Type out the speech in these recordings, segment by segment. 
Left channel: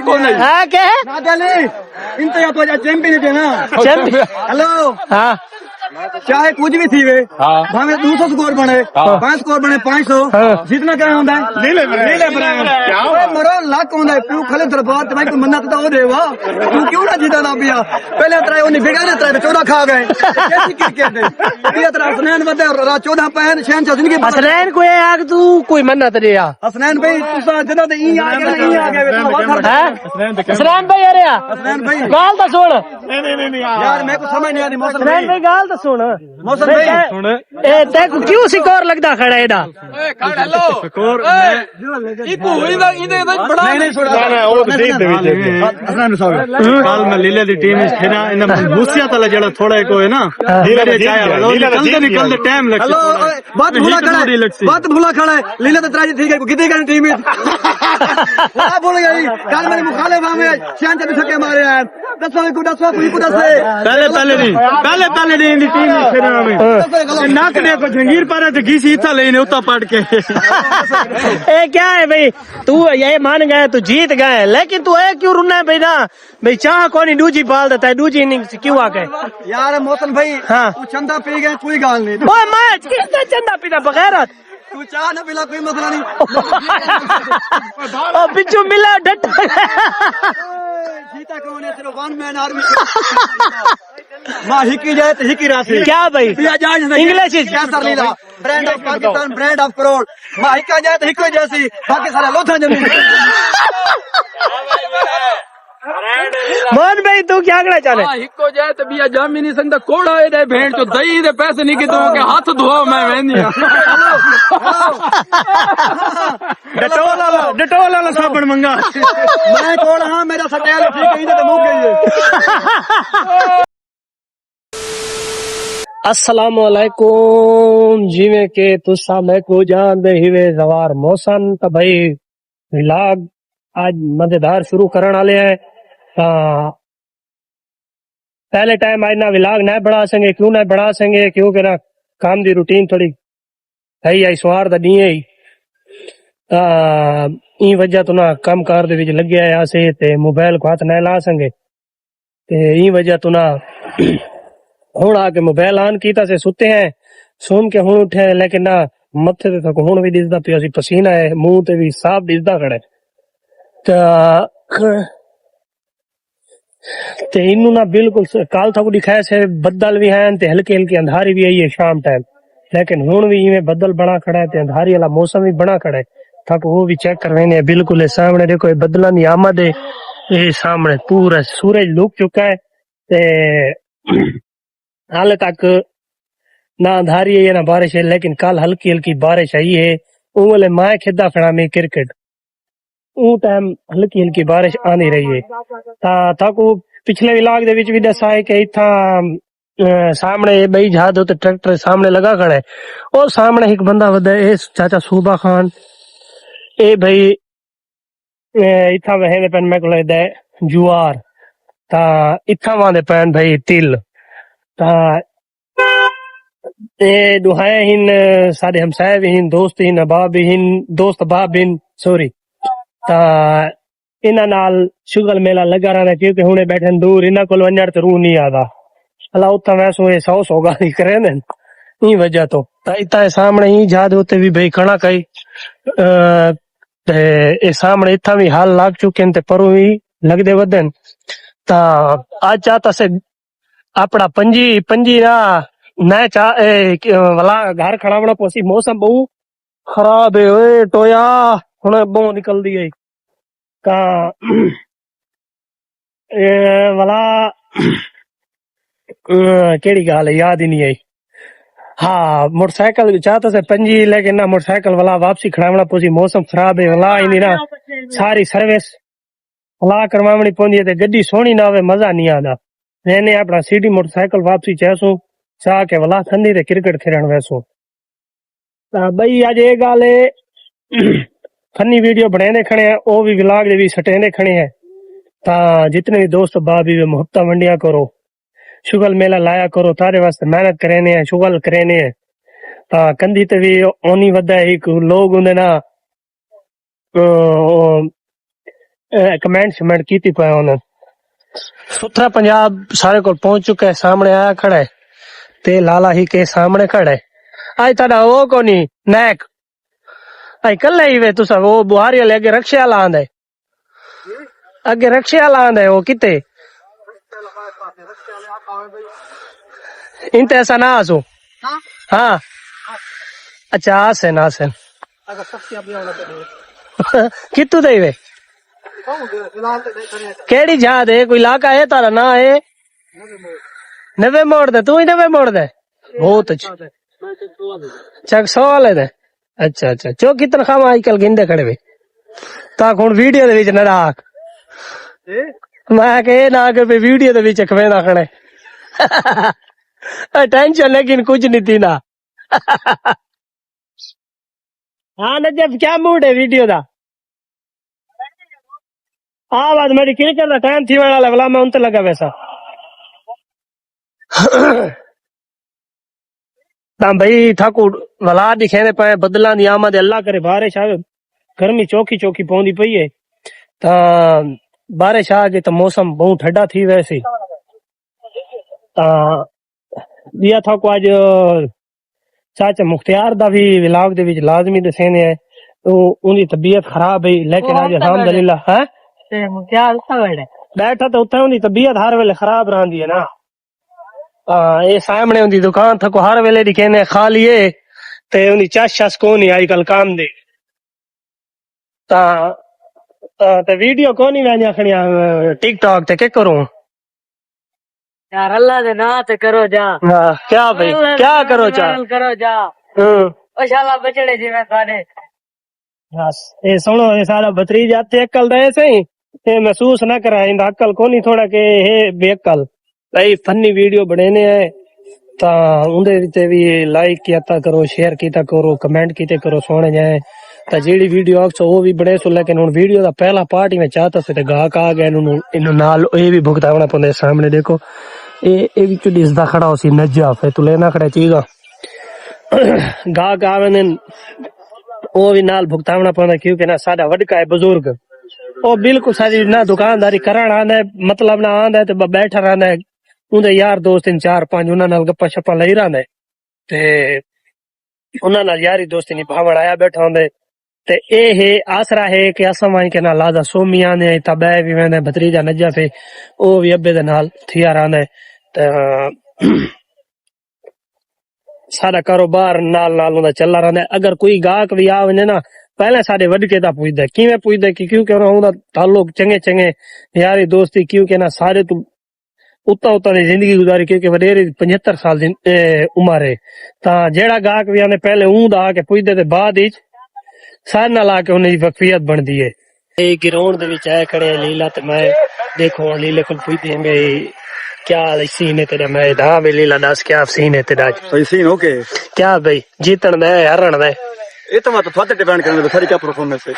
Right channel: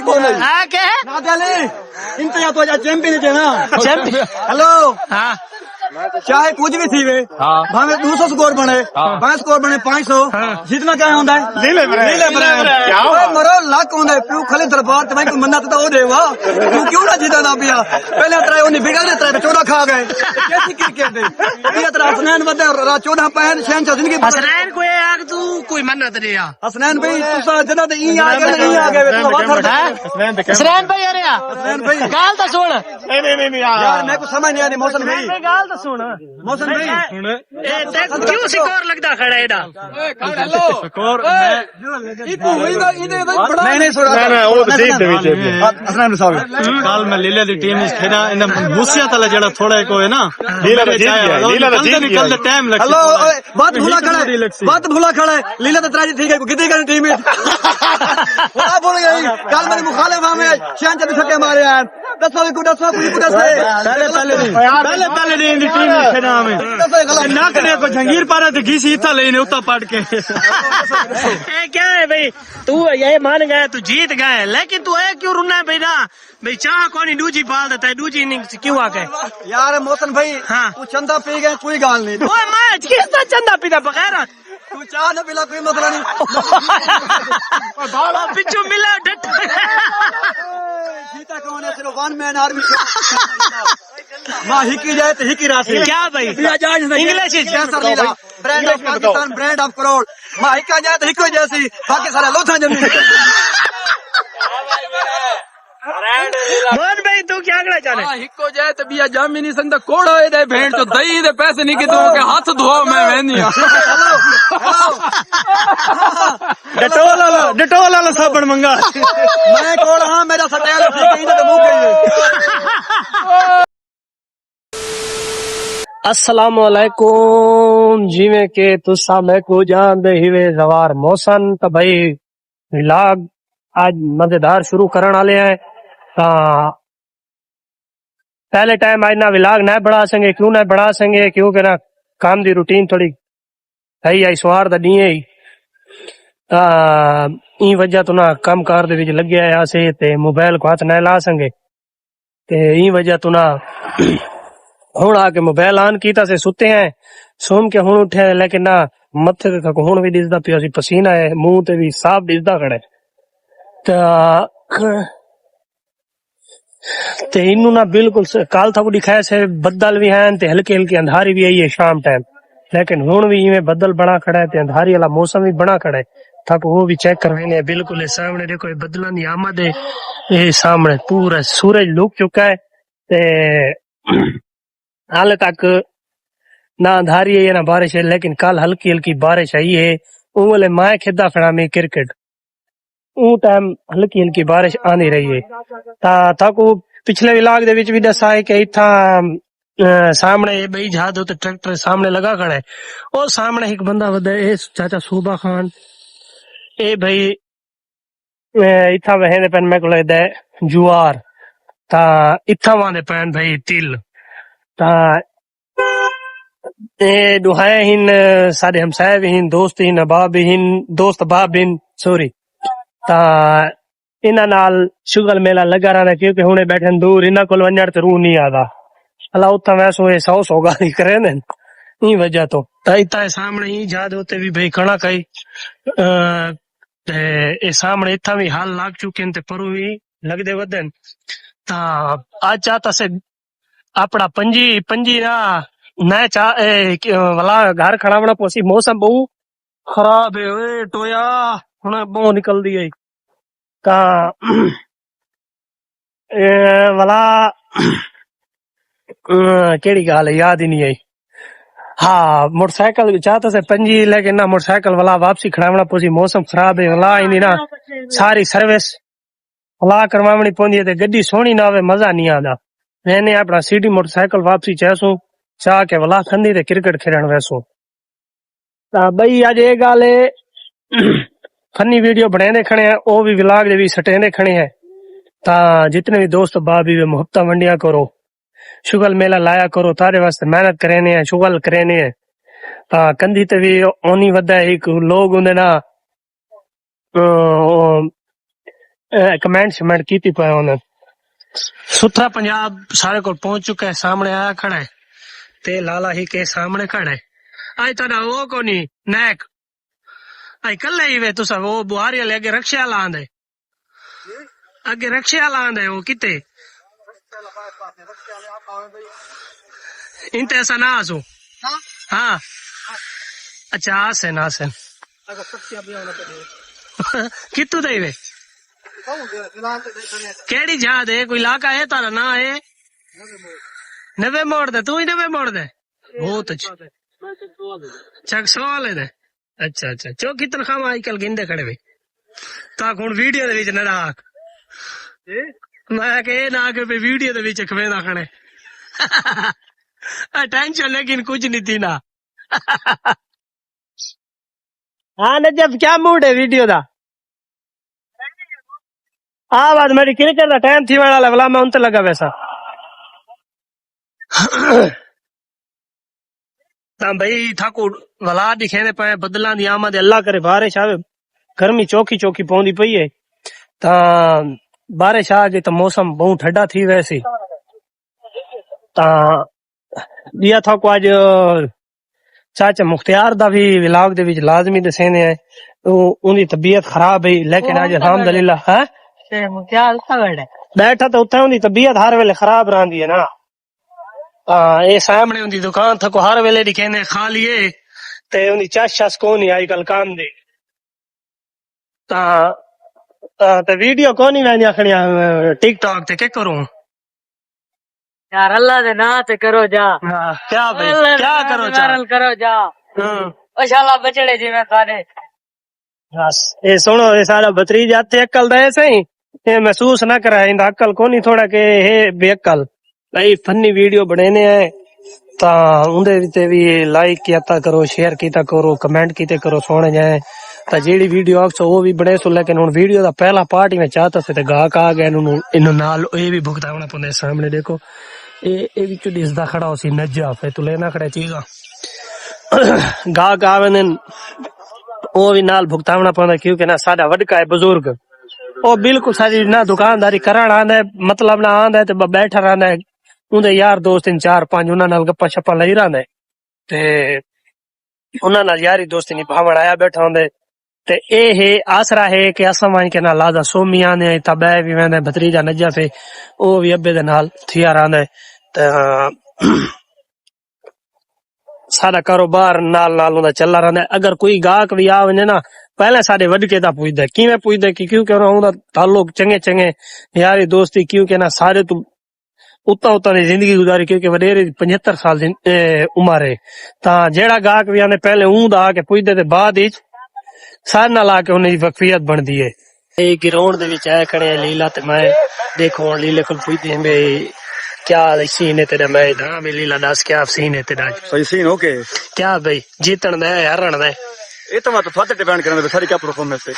हाँ क्या है इंतजार तो चैंपियन है ना चैंपियन हेलो हाँ चाहे कुछ भी थी वे भावे 200 स्कोर बने 5 स्कोर बने 500 जितना क्या होता है नीले ब्रांड मरो लाख होता है तू खाली दरबार ते भाई कोई मन्नत तो हो देवा तू क्यों ना जीता ना पिया पहले तरह उन्हें बिगड़े तरह 14 खा गए कैसी क्रिकेट है पिया तरह हसनैन बदे 14 पैन शहनशाह जिंदगी हसनैन को आग तू कोई मन्नत नहीं आ हसनैन भाई तू जदा ते ई आ गए ई आ गए तू वाथर हसनैन भाई अरे हसनैन भाई गाल तो सुन यार मैं को समझ नहीं आ रही मौसम हसनैन भाई गाल तो सुन मौसम भाई ए तेको क्यों सिकोर लगदा खड़ा है एदा स्कोर मैं नहीं सुन ना वो तो ठीक दे हसनैन साहब कल मैं लीले दी टीम इस खेना इन मुसिया तले जेड़ा थोड़ा को है ना लीले चाहे वो निकल दे टाइम लग बात भूला खड़ा है लीले तो त्राजी ठीक है कितनी का टीम में वाह बोल गई कल मेरे मुखालिफ में शान चंद छक्के मारे हैं दसो कोई कुछ से पहले नहीं टीम में खेना में नाक ने को जंगीर पारे ते घीसी इथा लेने उता पड़ के ए क्या है भाई तू ये मान गए तू जीत गए लेकिन तू ए क्यों रुना है भाई ना भाई चाह कोनी दूजी पाल देता है दूजी इनिंग्स क्यों आ गए यार मौसम भाई हाँ तू चंदा पी गए कोई गाल नहीं ओए मैच किसने चंदा पीता बगैरत तू चाह न पिला कोई मसला नहीं ओ पिछू मिला डट जीता कौन है सिर्फ वन मैन आर्मी मां हिकी जाए तो हिकी राशि क्या भाई इंग्लिश क्या sir Leela brand of Pakistan brand of crore मां हिका जाए तो हिको जैसी बाकी सारा लोथा जमीन मोहन भाई तू क्या कहना चाह रहा है हिको जाए तो बिया जाम ही नहीं सकता कोड़ा है दे भेंट तो दही दे पैसे नहीं कितों के हाथ धोओ मैं वहनी डिटोल वाला साबुन मंगा मैं कौन हां मेरा सटेल ठीक है तो मुक गई है अस्सलाम वालेकुम जिਵੇਂ ਕਿ ਤੁਸੀਂ ਮੈਨੂੰ ਜਾਣਦੇ ਹੀਵੇ ਜ਼ਵਾਰ ਮੌਸਮ ਤਾਂ ਭਾਈ ਵਲੌਗ आज मजेदार शुरू करने वाले हैं पहले टाइम आज ना व्लॉग ना बढ़ा सकेंगे क्यों ना बढ़ा सकेंगे क्योंकि ना काम दी रूटीन थोड़ी सही आई सोहार दा नहीं है ई वजह तो ना काम कार दे विच लगे आया से ते मोबाइल को हाथ ना ला सकेंगे ते ई वजह तो ना हुण आके मोबाइल ऑन कीता से सुते हैं सोम के हुण उठे लेकिन ना मथे ते तक हुण भी दिसदा पिया सी पसीना है मुंह ते भी साफ दिसदा खड़ा ते इनू ना बिल्कुल काल था दिखाया से बदल भी हैं ते हल्की हल्की अंधारी भी आई है शाम टाइम लेकिन हुण भी इवें बदल बना खड़ा है ते अंधारी वाला मौसम भी बना खड़ा है तक वो भी चेक करवाने बिल्कुल सामने देखो बदलों की आमद है ये सामने पूरा सूरज लुक चुका है ते हाल तक ना अंधारी है ना बारिश है लेकिन कल हल्की हल्की बारिश आई है वो वाले माए खेदा खड़ा में क्रिकेट वो टाइम हल्की हल्की बारिश आनी रही है ताको पिछले व्लॉग दे विच भी दसा है कि इथा सामने बई जहाज होते ट्रैक्टर सामने लगा खड़ा है और सामने एक बंदा वदा ए चाचा सूबा खान ए भाई इथा वहने पेन मैं को लगदा है जुआर ता इथा वांदे पेन भाई तिल ता ए दुहाए हिन सारे हमसाए भी हिन दोस्त हिन अबाब भी हिन दोस्त बाब हिन सॉरी ता इना नाल शुगल मेला लगा रहा क्योंकि हुणे बैठन दूर इना कोल वन्नड़ ते रूह नहीं आदा अल्लाह उथा वैसो ये 100 गाली करे ने ई वजह तो इता सामने ही जाद होते भी भाई कणा कई ते ए सामने इथा भी हाल लाग चुके ने ते परू ही लगदे वदन ता आज चाहता से अपना पंजी ना मैं वाला घर खड़ावना पोसी मौसम बहु खराब है ओए टोया हुणे बहु निकल दी है का वाला केड़ी गाल है याद ही नहीं आई हाँ मोटरसाइकिल चाहता से पंजी लेकिन ना मोटरसाइकिल वाला वापसी खड़ावना पोसी मौसम खराब है वाला इन ना सारी सर्विस वाला करवावनी पौंदी है ते गड्डी सोहनी ना आवे मजा नहीं आदा मैंने अपना सीडी मोटरसाइकिल वापसी चाहसू चाह के वाला खंदी ते क्रिकेट खेलण वैसू ता बई आज ये गाल है फनी वीडियो बनाने खड़े हैं वो भी व्लॉग दे भी सटेने खड़े हैं ता जितने भी दोस्त बाबी वे मुहब्बत वंडिया करो शुगल मेला लाया करो तारे वास्ते मेहनत करेने हैं शुगल करेने हैं ता कंधी ते भी ओनी वदा एक लोग हुंदे ना कमेंट शमेंट की पे उन्हें सुथरा पंजाब सारे को पहुंच चुका है सामने आया खड़ा है ते लाला ही के सामने खड़ा है आज ताड़ा वो कोनी नैक आई कल ही वे तुसा वो बुहारी वाले आगे रक्षा लांद है आगे रक्षा लांद है वो किते इंते ऐसा ना आसो हाँ अच्छा आसन आसन कितू दे वे केड़ी जहाज है कोई इलाका है तारा ना है नवे मोड़ दे तू ही नवे मोड़ दे बहुत अच्छा चक सवाल है अच्छा अच्छा चो कितना खाम आजकल गिंदे खड़े वे ता हुन वीडियो दे विच ना राख मैं कहे ना के वीडियो दे विच खवेदा खड़े टेंशन लेकिन कुछ नहीं थी ना हाँ नजब क्या मूड है वीडियो दा हाँ बात मेरी क्रिकेट का टाइम थी वाला वाला मैं उनते लगा वैसा ता भाई ठाकू वला दिखेने पे बदला दी आमद अल्लाह करे बारिश आवे गर्मी चौकी चौकी पौंदी पई है ता बारिश आ गई तो मौसम बहुत ठंडा थी वैसे ता दिया था को आज चाचा मुख्तियार दा भी व्लॉग दे विच लाजमी दसेने है उनकी तबीयत खराब है लेकिन आज अल्हम्दुलिल्लाह है बैठा तो उत्थे उनकी तबीयत हर वेले खराब रहंदी है ना ये सामने उनकी दुकान था को हर वेले दिखेने खा लिए ते उनकी चस चस को नहीं आई कल काम दे ता ते वीडियो को नहीं मैंने आखनी टिकटॉक ते के करूं यार अल्लाह दे ना ते करो जा हाँ क्या भाई क्या करो चा करो जा ओ शाला बचड़े जी मैं खाने बस ये सुनो ये सारा भतरीज आते अक्ल दे सही ये महसूस ना करा इंदा अक्ल कोनी थोड़ा के हे बेअक्ल भाई फनी वीडियो बनाने है ता उंदे ते भी लाइक किया करो शेयर किया करो कमेंट किते करो सोने जाए ता जेडी वीडियो आक्सो वो भी बने सो लेकिन हुन वीडियो दा पहला पार्ट ही मैं चाहता से ते गाहक आ गए इनु नाल ये भी भुगतावना पौंदे सामने देखो ये विच दिसदा खड़ा होसी नजा फे तू लेना खड़ा चीजा गाहक आवे ने वो भी नाल भुगतावना पौंदा क्योंकि ना साडा वडका है बुजुर्ग ओ बिल्कुल सारी ना दुकानदारी कराना आंदा है मतलब ना आंदा है ते बैठा रहंदा है उनदे यार दोस्त इन 4-5 उन्हां नाल गप्पा शप्पा लई रहंदा है ते उन्हां नाल यारी दोस्ती निभावण आया बैठा होंदे ते ए है आसरा है कि असां वन के ना लादा सोमी आंदे तबे भी वेंदे भतरीजा नजा पे ओ भी अब्बे दे नाल थिया रहंदा है ते सारा कारोबार नाल नाल उंदा चलदा रहंदा है अगर कोई गाहक भी आ वने ना पहले साडे वडके दा पुछदा किवें पुछदा कि क्योंकि उंदा ताल्लुक चंगे चंगे यारी दोस्ती क्योंकि ना सारे तू उता उता दी जिंदगी गुजारी क्योंकि वडेरे 75 साल दी उम्र है ता जेड़ा गाहक भी आने पहले ऊंदा आके पुछदे ते बाद विच सारे नाल आके उन्हें दी वकफियत बनदी है ए ग्राउंड दे विच आए खड़े लीला ते मैं देखो लीले को पुछदे बे क्या सीन है तेरा मैं हाँ भी लीला दस क्या सीन है तेरा सही सीन ओके क्या भाई जीतन दे हारन दे ये तो मैं तो थोड़े डिपेंड करने सारी क्या परफॉर्मेंस है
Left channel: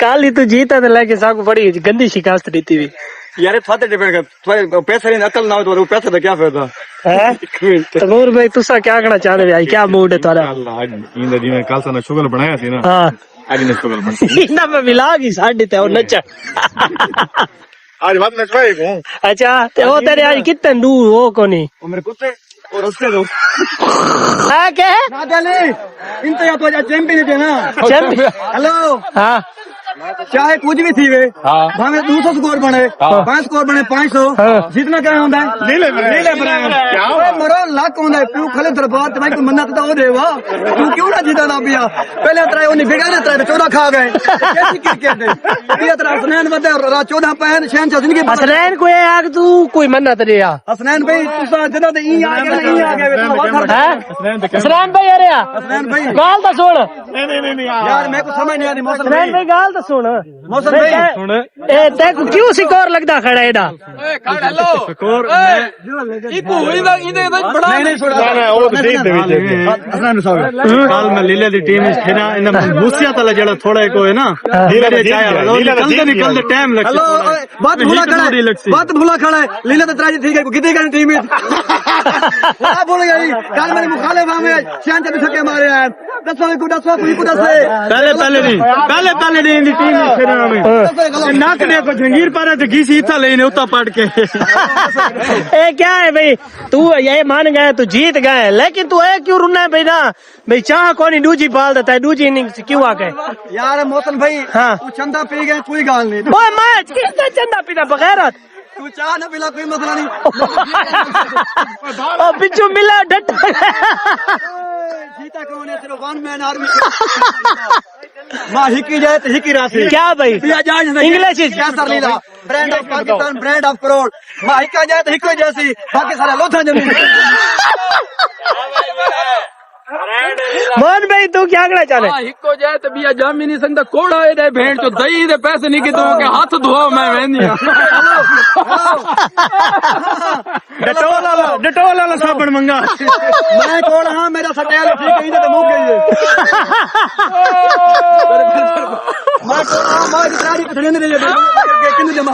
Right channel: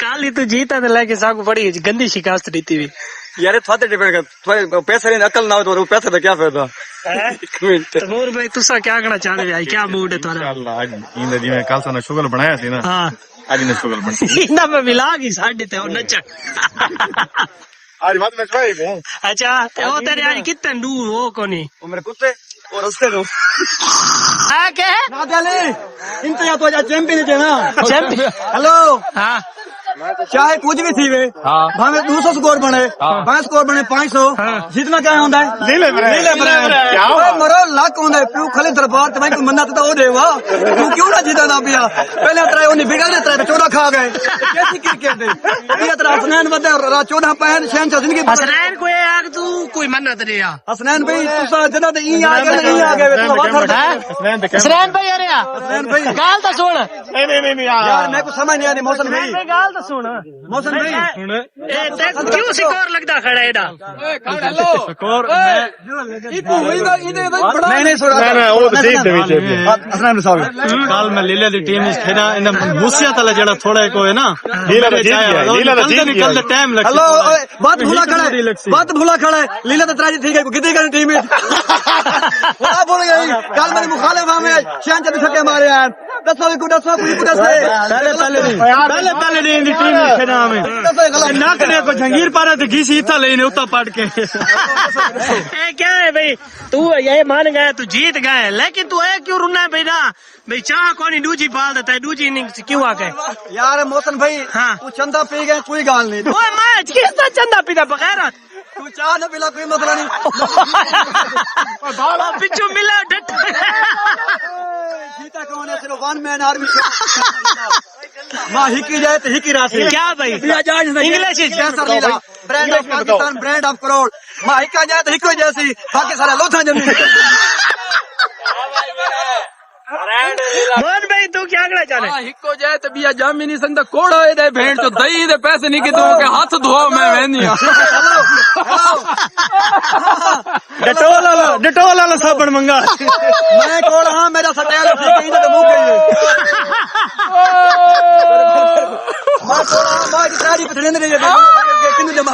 काली तू जीता तो लेके साकू बड़ी गंदी शिकायत दी थी यार थोड़े डिपेंड कर पैसा नहीं अकल ना हो तो पैसे का क्या फायदा तो नूर भाई तुसा क्या कहना चाहते भाई क्या मूड है तुम्हारा इंदा जी मैं कल सा शुगर बनाया थी ना हां आज ने शुगर बनाया इंदा मैं मिला गई साडी ते और नच आज बात नचवाए अच्छा ते वो तेरे आज कितने दूर हो कोनी वो मेरे कुत्ते और उसके दो हां के ना दले इनते या तो आज चैंपियन है ना चैंपियन हेलो हां चाहे कुछ भी थी वे भावे 200 स्कोर बने 5 स्कोर बने 500 जितना क्या होता है लीले ओए मरो लाख होता है तू खाली दरबार ते भाई कोई मन्नत तो हो देवा तू क्यों ना जीता ना पिया पहले तरा ओनी बिगड़ तरा 14 खा गए कैसी क्रिकेट है पिया तरा हसनैन वदे 14 पैन शहनशाह जिंदगी हसनैन कोई आग तू कोई मन्नत रे आ हसनैन भाई तुसा जदा ते ई आ गए तुसा वाथर हसनैन भाई अरे हसनैन भाई गाल तो सुन नहीं यार मैं को समझ नहीं आ रही मौसम हसनैन भाई गाल तो सुन मौसम भाई क्यों सिकोर लगता खड़ा एदा स्कोर मैं नहीं सुन कल मैं लीले दी टीम विच खेड़ा इन मूसिया तले जेड़ा थोड़ा को है ना लीले चाहे निकलते टाइम लगसी बात भूला खड़ा है लीले तो तराजी ठीक है कितने का टीम में बोल गई कल मेरे मुखालिफ में शान चंद छक्के मारे हैं दसो को दसे पहले नहीं इन टीम में खेड़ा में नाक ने को जंगीर पारे ते घीसी इतना लेने उतना पड़ के ए क्या है भाई तू ये मान गया तू जीत गए लेकिन तू है क्यों रुना है भाई ना भाई चाह कौन दूजी बाल देता है दूजी इनिंग्स क्यों आ गए यार मौसम भाई हाँ। तू चंदा पी गए कोई गाल नहीं ओए मैच किसने चंदा पीता बगैरत तू चाह न पिला कोई मसला नहीं ओ बिच्छू मिला डट जीता कौन है सिर्फ वन मैन आर्मी मां हिकी जाए तो हिकी राशि क्या भाई इंग्लिश क्या sir Leela brand of Pakistan brand of crore मां हिका जाए तो हिको जैसी बाकी सारा लोथा जमीन मान भाई तू क्या कहना चाह रहा है हिको जाए तो बिया जाम ही नहीं सकता कोड़ा है दे भेड़ तो दही दे पैसे नहीं कि के हाथ धोओ मैं वेंदी डिटोल वाला साबण मंगा मैं कोल हां मेरा सटेल ठीक है तो मुक गई है मैं सारी पथड़ी नहीं है किन्ने जमा